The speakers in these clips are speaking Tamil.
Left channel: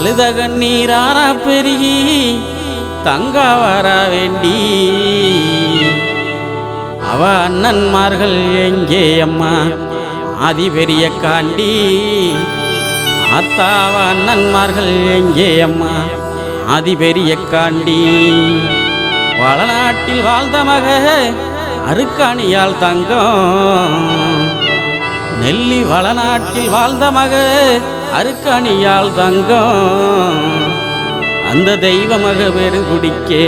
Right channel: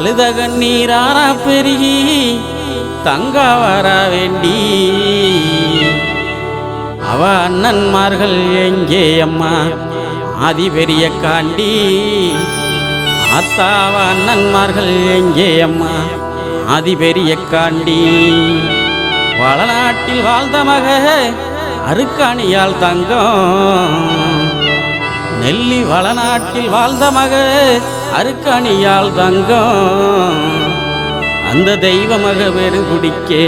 அழுத கண்ணீராரா பெருகி தங்கா வர வேண்டி அவ அண்ணன்மார்கள் எங்கே அம்மா ஆதி பெரிய காண்டி ஆத்தாவ அண்ணன்மார்கள் எங்கே அம்மா ஆதி பெரிய காண்டி வளநாட்டில் வாழ்ந்த மக அருக்காணியால் தங்கம் நெல்லி வளநாட்டில் வாழ்ந்த மக அருக்காணியால் தங்கம் அந்த தெய்வ மக பெருங்குடிக்கே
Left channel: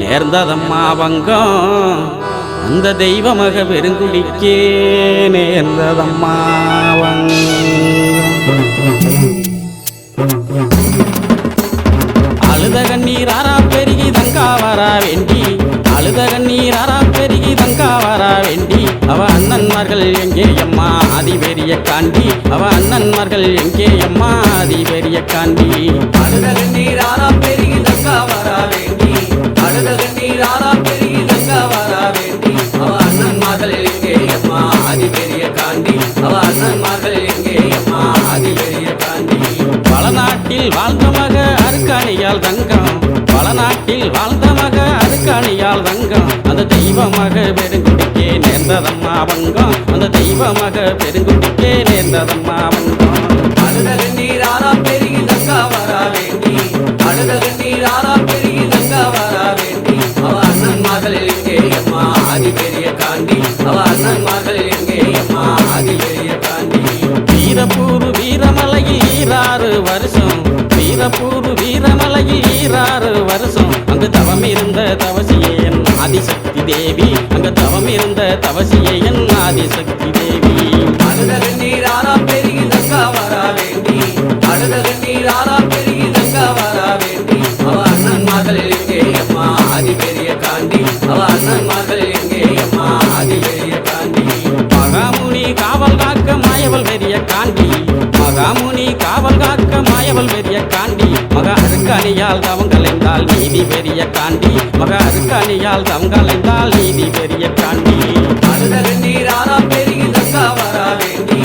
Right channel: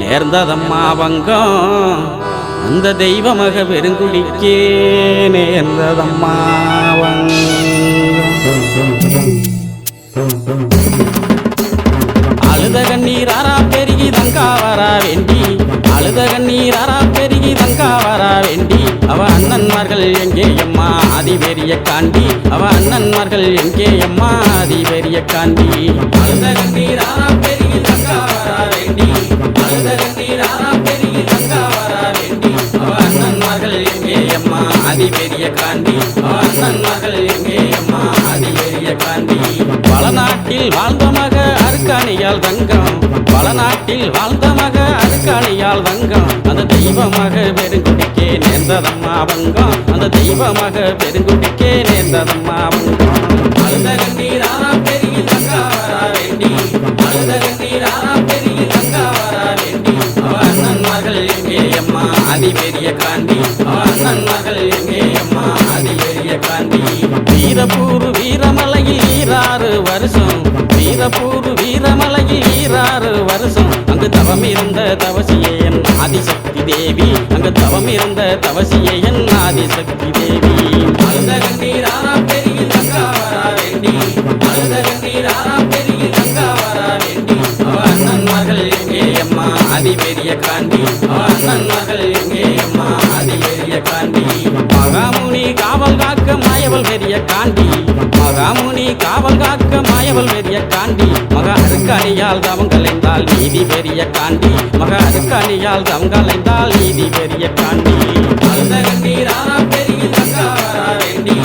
நேர்ந்ததம்மா வங்கம் அந்த தெய்வ மக பெருங்குடிக்கே நேர்ந்ததம்மா வங்கம் அழுத கண்ணீராரா பெருகி தங்கா வரா வேண்டி அழுத கண்ணீராரா பெருகி தங்கா வரா வேண்டி அவ அண்ணன்மார்கள் எங்கே அம்மா ஆதி பெரிய காண்டி அவ அண்ணன்மார்கள் எங்கே அம்மா ஆதி பெரிய காண்டி அழுத கண்ணீராரா பெருகி தங்கா வரா வேண்டி அழுத கண்ணீராரா பெருகி தங்கா வரா வேண்டி அவ அண்ணன்மார்கள் எங்கே அம்மா ஆதி பெரிய காண்டி அவ அண்ணன்மார்கள் எங்கே அம்மா ஆதி பெரிய காண்டி வளநாட்டில் வாழ்ந்த மக அருக்காணியால் தங்கம் வளநாட்டில் வாழ்ந்த மக அருக்காணியால் தங்கம் அந்த தெய்வ மக பெருங்குடிக்கே நேர்ந்ததம்மா வங்கம் அந்த தெய்வ மக பெருங்குடிக்கே நேர்ந்ததம்மா வங்கம் அழுத கண்ணீராரா பெருகி தங்கா வரா வேண்டி அழுத கண்ணீராரா பெருகி தங்கா வரா வேண்டி அவ அண்ணன்மார்கள் எங்கே அம்மா ஆதி பெரிய காண்டி அவ அண்ணன்மார்கள் எங்கே அம்மா ஆதி பெரிய காண்டி வீரப்பூர் வீரமலையில் 6 வருஷம் வீரப்பூர் வீரமலையில் 6 வருஷம் அங்கு தவம் இருந்த தவசியே என் ஆதிசக்தி தேவி அங்கு தவம் இருந்த தவசியே என் ஆதிசக்தி தேவி அழுத கண்ணீராரா பெருகி தங்கா வரா வேண்டி அழுத கண்ணீராரா பெருகி தங்கா வரா வேண்டி அவ அண்ணன்மார்கள் எங்கே அம்மா ஆதி பெரிய காண்டி அவ அண்ணன்மார்கள் எங்கே அம்மா ஆதி பெரிய காண்டி மகாமுனி காவல் காக்க மாயவள் பெரிய காண்டி மகாமுனி காவல் காக்க மாயவள் பெரிய காண்டி மக அருக்காணியால் தவம் கலைந்தால் நீதி பெரிய காண்டி மக அருக்காணியால் தவம் கலைந்தால் நீதி பெரிய காண்டி அழுத கண்ணீராரா பெருகி தங்கா வரா வேண்டி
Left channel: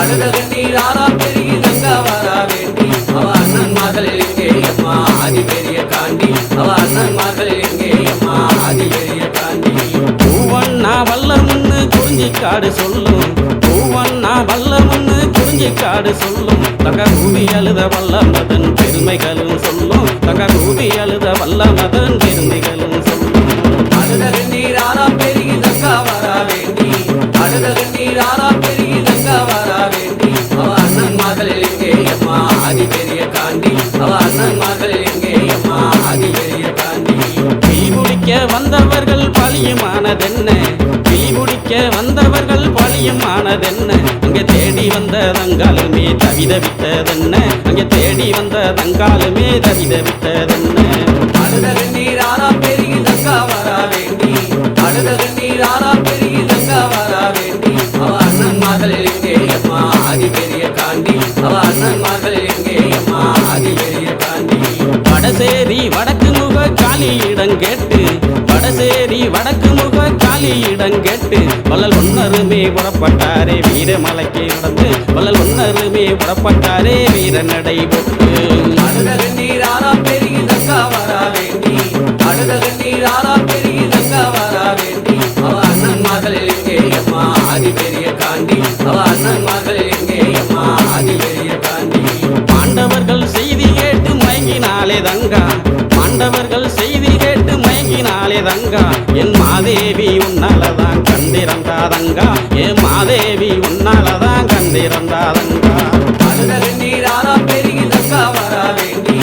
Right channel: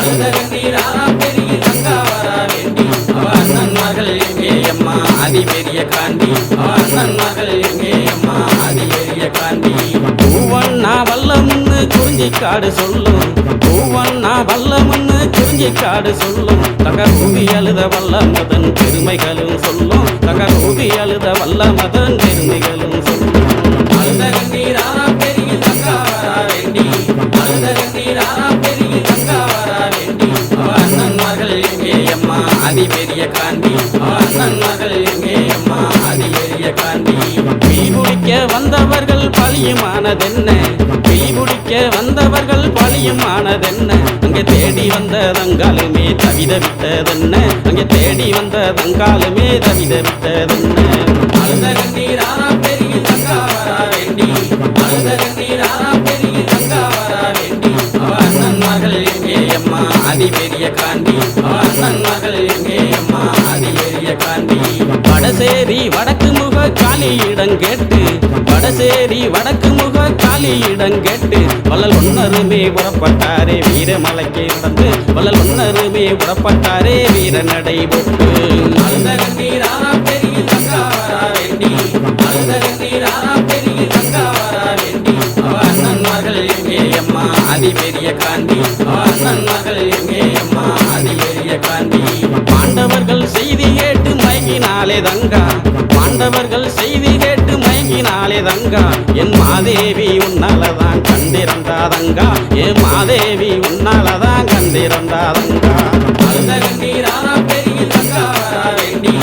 அழுத கண்ணீராரா பெருகி தங்கா வரா வேண்டி அவ அண்ணன்மார்கள் எங்கே அம்மா ஆதி பெரிய காண்டி அவ அண்ணன்மார்கள் எங்கே அம்மா ஆதி பெரிய காண்டி பூவண்ணா வல்லமுன்னு குறிஞ்சிக்காடு சொல்லும் பூவண்ணா வல்லமுன்னு குறிஞ்சிக்காடு சொல்லும் தங்க ரூபி அழுத வல்லமதன் பெருமைகளும் சொல்லும் தங்க ரூபி அழுத வல்லமதன் பெருமைகளும் சொல்லும் அழுத கண்ணீராரா பெருகி தங்கா வரா வேண்டி அழுத கண்ணீராரா பெருகி தங்கா வரா வேண்டி அவ அண்ணன்மார்கள் எங்கே அம்மா ஆதி பெரிய காண்டி அவ அண்ணன்மார்கள் எங்கே அம்மா ஆதி பெரிய காண்டி பிடிக்க வந்தவர்கள் பழியுமானதென்ன பிடிக்க வந்தவர்கள் பழியுமானதென்ன அங்கே தேடி வந்த தங்காலுமே தவிதவித்ததென்ன அங்கே தேடி வந்த தங்காலுமே தவிதவித்ததென்ன அழுத கண்ணீராரா பெருகி தங்கா வரா வேண்டி அழுத கண்ணீராரா பெருகி தங்கா வரா வேண்டி அவ அண்ணன்மார்கள் எங்கே அம்மா ஆதி பெரிய காண்டி அவ அண்ணன்மார்கள் எங்கே அம்மா ஆதி பெரிய காண்டி வடசேரி வடக்கு முக காலியிடம் கேட்டு வடசேரி வடக்கு முக காலியிடம் கேட்டு வள்ளல் ஒன்னருமே புறப்பட்டாரே வீரமலைக்கு நடந்து வள்ளல் ஒன்னருமே புறப்பட்டாரே வீர நடை போட்டு அழுத கண்ணீராரா பெருகி தங்கா வரா வேண்டி அழுத கண்ணீராரா பெருகி தங்கா வரா வேண்டி அவ அண்ணன்மார்கள் எங்கே அம்மா ஆதி பெரிய காண்டி அவ அண்ணன்மார்கள் எங்கே அம்மா ஆதி பெரிய காண்டி பாண்டவர்கள் செய்தி கேட்டு மயங்கினாலே தங்கா பாண்டவர்கள் செய்தி கேட்டு மயங்கினாலே தங்கா என் மாதேவி உன்னாலதான் கண்டிருந்தாதங்கா என் மாதேவி உன்னாலதான் கண்டிருந்தாதங்கா அழுத கண்ணீராரா பெருகி தங்கா வரா வேண்டி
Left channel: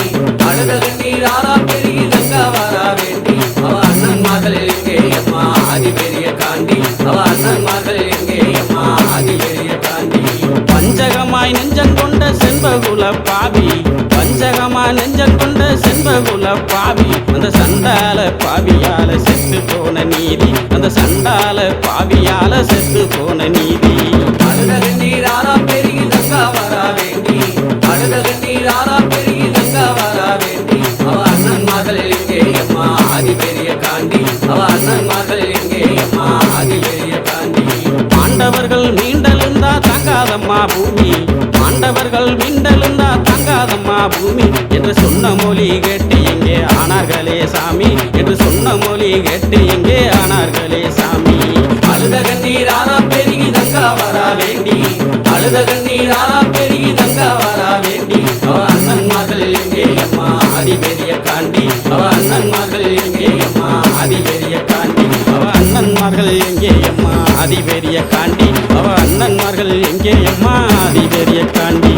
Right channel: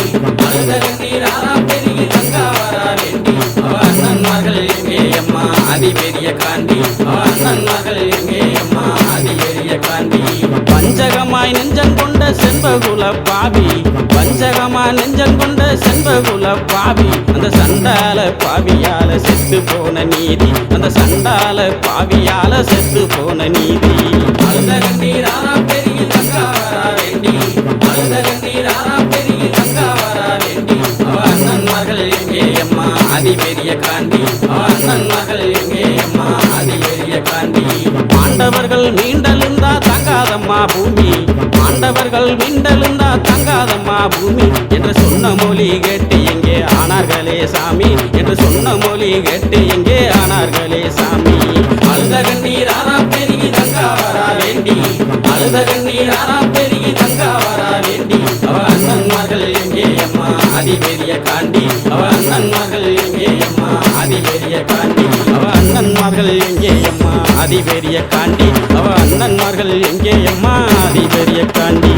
அழுத கண்ணீராரா பெருகி தங்கா வரா வேண்டி அவ அண்ணன்மார்கள் எங்கே அம்மா ஆதி பெரிய காண்டி அவ அண்ணன்மார்கள் எங்கே அம்மா ஆதி பெரிய காண்டி பஞ்சகமாய் நெஞ்சங்கொண்ட செண்பகுல பாவி பஞ்சகமாய் நெஞ்சங்கொண்ட செண்பகுல பாவி அந்த சண்டால பாவியால செத்து போன நீதி அந்த சண்டால பாவியால செத்து போன நீதி அழுத கண்ணீராரா பெருகி தங்கா வரா வேண்டி அழுத கண்ணீராரா பெருகி தங்கா வரா வேண்டி அவ அண்ணன்மார்கள் எங்கே அம்மா ஆதி பெரிய காண்டி அவ அண்ணன்மார்கள் எங்கே அம்மா ஆதி பெரிய காண்டி பாண்டவர்கள் மீண்டெழுந்தா தங்கா தாங்காதம்மா பூமி ஆண்டவர்கள் மிண்டலுந்தா தாங்காதம்மா பூமி என்று சொன்ன மொழி கேட்டு எங்கே ஆனார்களே சாமி என்று சொன்ன மொழி கேட்டு எங்கே ஆனார்களே சாமி அழுத கண்ணீர் ஆனா பெருகி தங்கா வரா வேண்டி அழுத கண்ணீர் ஆனா பெருகி தங்கா வரா வேண்டி அவ அண்ணன் மகள் எங்கே அம்மா அதிபெரிய காண்டி அவ அண்ணன் மகள் எங்கே அம்மா அதிபெரிய காண்டி அவ அண்ணன்மார்கள் எங்கே அம்மா அதிபெரிய காண்டி அவ அண்ணன்மார்கள் எங்கே அம்மா அதிபெரிய காண்டி